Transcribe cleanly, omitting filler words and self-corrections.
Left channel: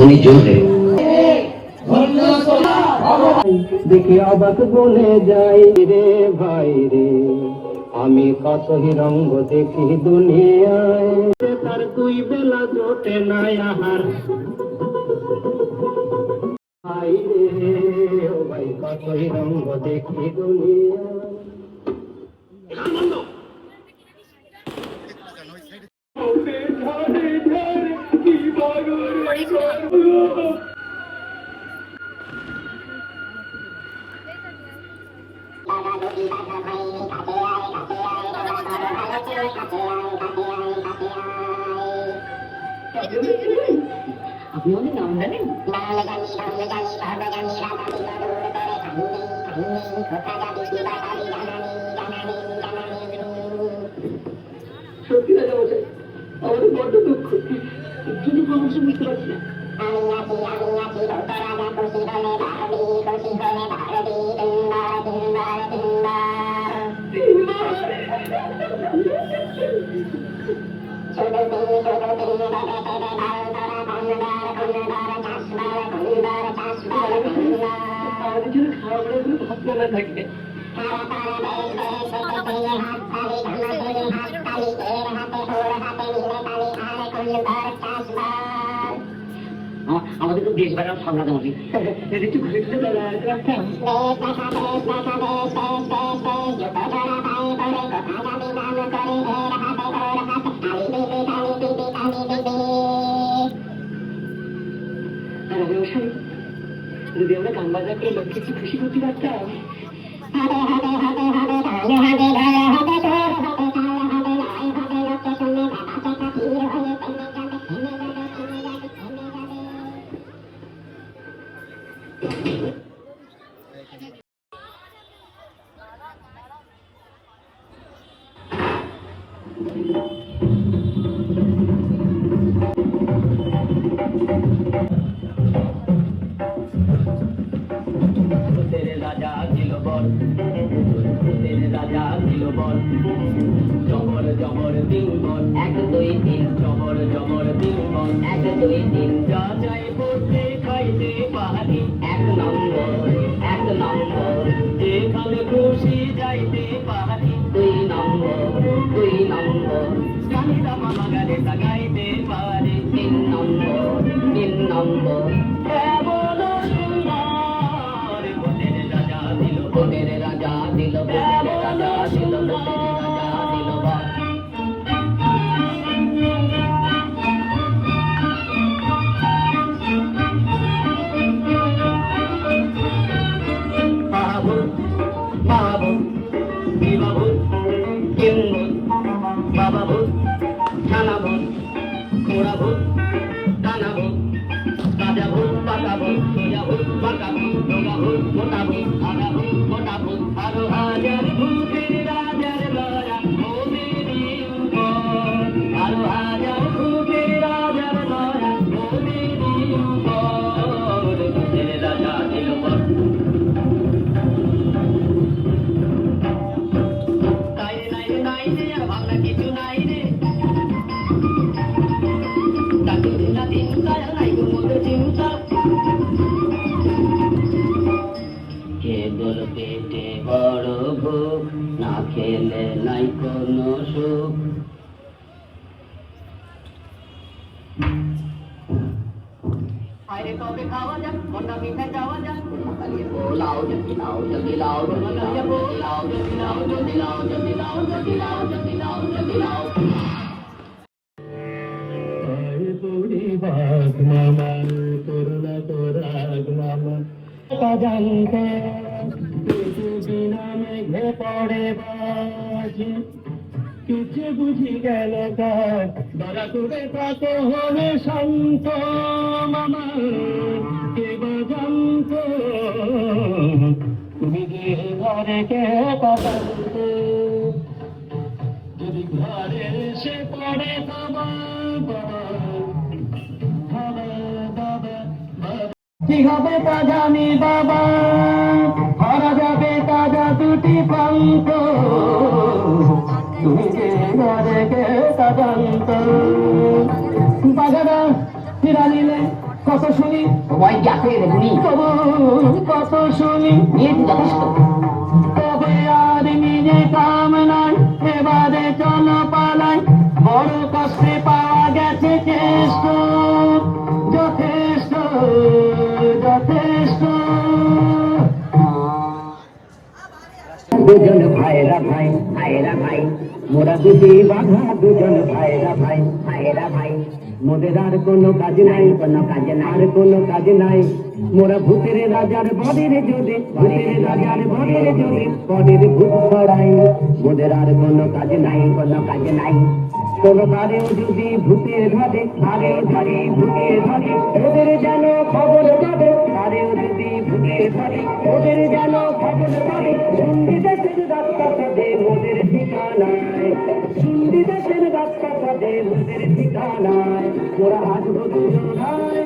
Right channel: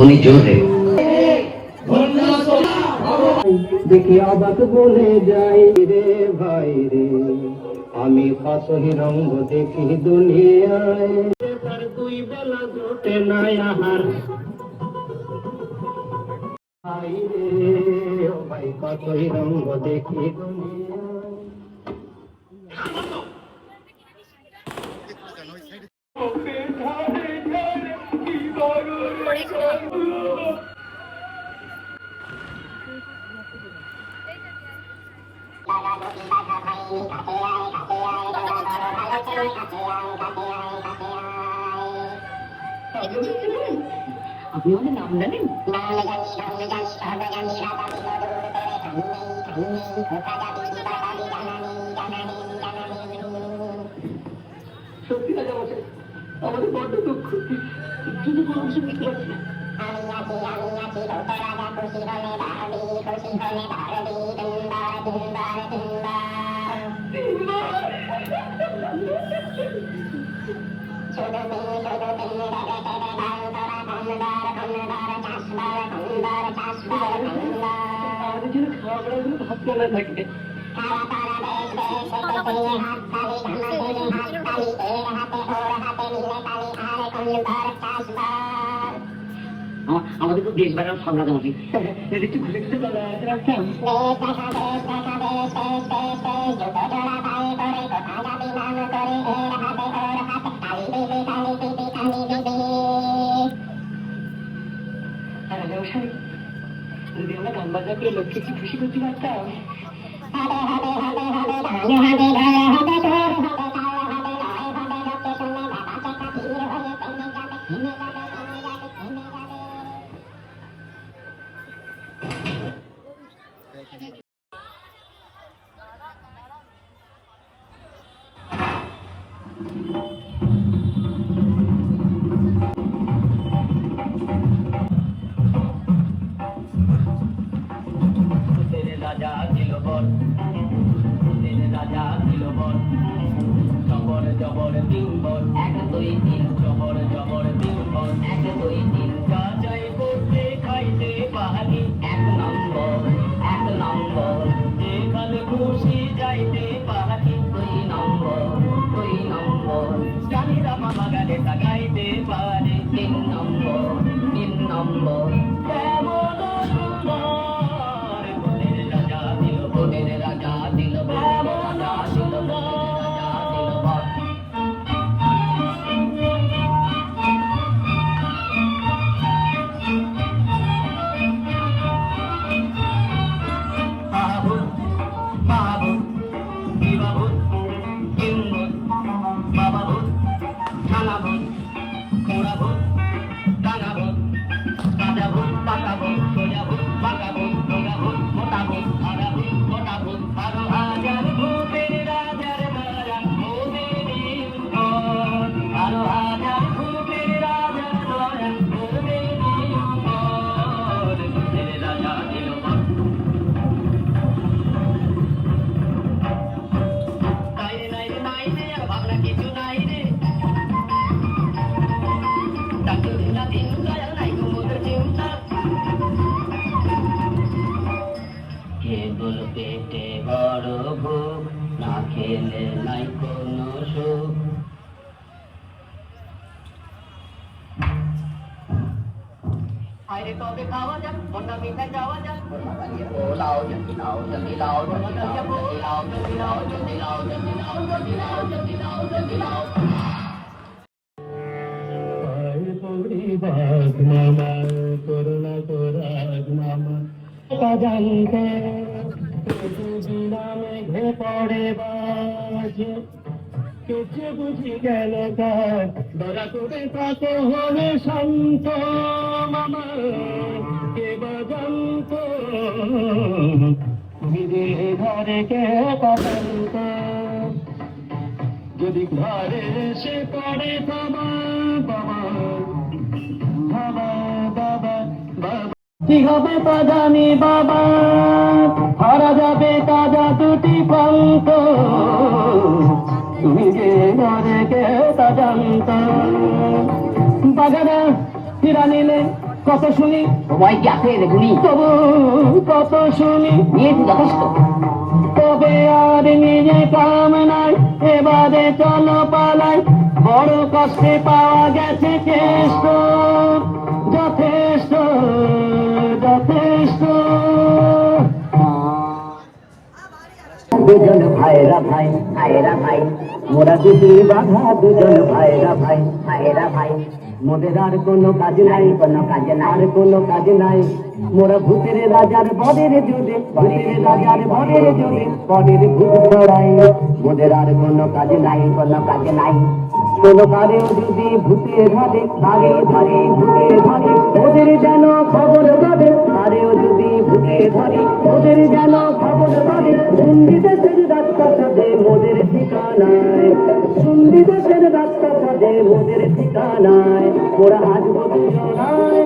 মনি জোরে দেখি অবাক বলে যাই রে ভাই রে, আমি কত রঙ্গ দেখি দুনিয়ায়, তার দুই বেলা জোটে নাই আহার ভাই রে, ও ভাই কত রঙ্গ দেখি দুনিয়ায়। আপনি আমাদের নাম জানেন? সত্যি রাজা মশাই, আমাদের বড্ড দুঃখ, কিন্তু কোনো কিছু বুঝতে পারছি না। আমাদের জন্য খাওয়া দাওয়া কোনো ভাগ্য না থাকে। আমাদের তো দেশ বাড়ার সামনে আমাদের একটু ঘুরে ঘুরে রাখতাম। যদি আমরা গান বাজনা করে লোককে কি খুশি করতে পারতাম। রাজা ছিল বল, রাজা ছিল বল, জবর জবর দিন বল, 1 2 3 জবর জবর দিন বল, 1 2 3 যা চাই পড়তে খাইতে পারি, 1 নম্বর যেখানে খুশি যাইতে পারি, 2 নম্বর গালিরা মামা গালে তাকাইতে পারি, 3 নম্বর কেমন সুন্দর ভোটের রাজা দিল, ভোটের রাজা দিল, ভোটের রাজা দিল, ভোটের রাজা দিল বল। মাহবুব বিবাবুদ কিম্বুদ বাবাবুদ থানাবুদ খোড়াবুদ কানাবুদ কাজাবুদ পাকাবুদ সোজাবুদ পাকাবুদ ডোগাবুদ মোটাবুদ আগাবুদ মোটাবুদ 12,000 ভূতের রাজার লড়া ওদেরই উপর, 12,000 ভূতের রাজার লড়া ওদেরই উপর, ভূতের রাজা দিল বল। নাই রে আর ভাবনা কিছু নাই রে, কেবল পেটে বড় ভোগ, না খেলে নাই কোনো সুখ। আরে কবে খাওয়া যাক, অন্য মিঠাই যাওয়া যাক, লাও জলদি লাও জলদি লাও জলদি লাও জলদি লাও জলদি লাও জলদি লাও জলদি লাও জলদি লাও জলদি লাও। বাঘ মামা করুণা করাগ মামা জানতে বিনা মেঘে পড়ে বাজি, কিছু বুঝি গেল কাজ দরা করে কত হলে শান্ত মামা, কে বা জানত তুমি যে ঘরে কে কাঁদন্ত, যদি ঘরে সে পড়ে কি হবে তা জানি বাবা, হারা যাবে তাজা দুটি পান্ত, তুমি যে ঘরে কে তা জানত, বাজারে ফিরা নিলে কত শুনি সময় কি আছে রে গুলি? তবু কত শুনি নিয়েছি যথেষ্ট। তবে আর নিজে কাম নাই এবারে চলো পালাই বড় কষ্টে পাওয়া গেছে কেষ্ট যথেষ্ট যথেষ্ট দুজন ভাইরা ভাই ভাইরা ভাই, মোরা দুটি বাধা দুজন ভাইরা ভাই ভাইরা ভাই, মোদের আর কোনো কাজ নাই কোনো কাজে নাই। আর কোনো কাজ নাই মোরা ভূতের রাজার বরের জোরে ভূতের রাজার বরের জোরে বরের ভূত ছড়াই মোদের আর কোনো কাজ নাই কোনো কাজে নাই। কোনো কারেও যদি ভূতে ধরে তারেও ধরে ভূতে ধরে ওদের যেন খবর ধরে তারেও যদি ভূতে ধরে ওদের যেন খবর ধরে শুনবি দেশের রাজপথে মোদের ঠিকানায় শুনবি দেশের রাজপথে মোদের ঠিকানায় ওরা আসবো দুজনায়